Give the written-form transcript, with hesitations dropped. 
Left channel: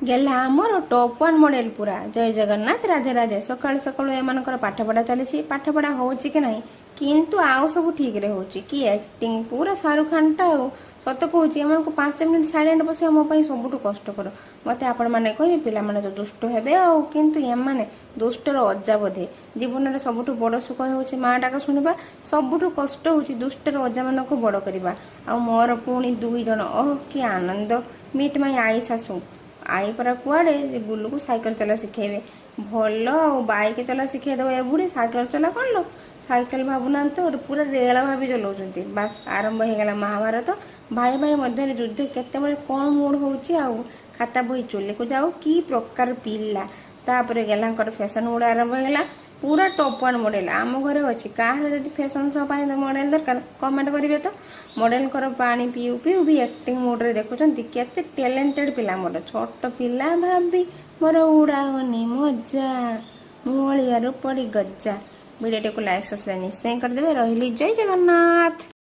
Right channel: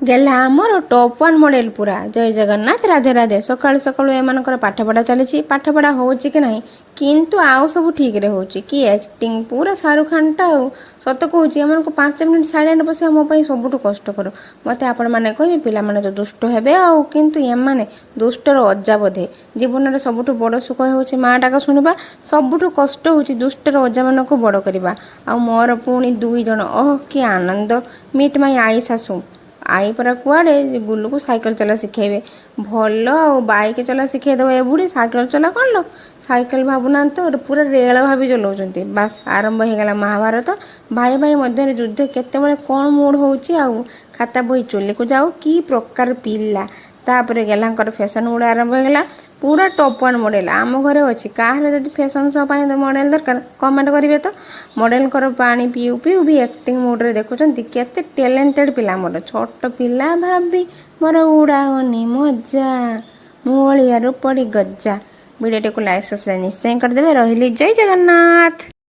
गेला आमर top one model पूरा जय जगन्नाथ राधे राधे सकाळु सकाळु एमानकर पाठपढ़ा चली पाठपढ़ा होची कि नहीं किंतु आउ सब ठीक रे होची कि एक्टिंग पूरा शाहरुख खान टा सत कहूँ एम को 5 मिनिट साइलेंट बस मो सबुठ कष्टकर मत आपण मैंने कहे पिला माने तो दुष्ट हेबे आउ किंतु एमाने दुष्टर अजा बोधे जीवन में सबुठ बड़ सुख होची माँ डाक शुणवा सबुठ कष्ट होची दुष्टर अजा मान को बड़ करवा आ मोर पुणी 2 जन ओह कि आनंद मीट माई आई सासू आई परा कुआड़े गुल्लू को साइकिल चला शिखेबे भल बाइक चला शिखेदेव ए बुढ़ी साइकिल चला कौन लो साइकिल भावुना तो पूरा रेल भाभी चलाउछंती बास आरंभ हो गला महाभारत भाई भाई मध्य युद्ध केतेबेले कौन मूड होउची आउ खाता बही चुली को जाऊ की प्रकार पिला तापर गेलांकर फैशन गुड़ा आरंभ हो गला पूरा टॉप वन मॉडल आम घरे अच्छी कहाँ जब फैशन शो पाई मॉडल दरकार कमेंट करेंगे तो मॉडल कर पानी पीऊ पीऊ भी एक्टिंग मोड्रे देखुंत केते टैलेंटेड पिला मोर छोट पिला भाभी मोर उड़ाओनी मजा मुलिया पड़ी गज्जा वीडियो को लाइक सब्सक्राइब निश्चय करदे रही जय जगन्नाथ।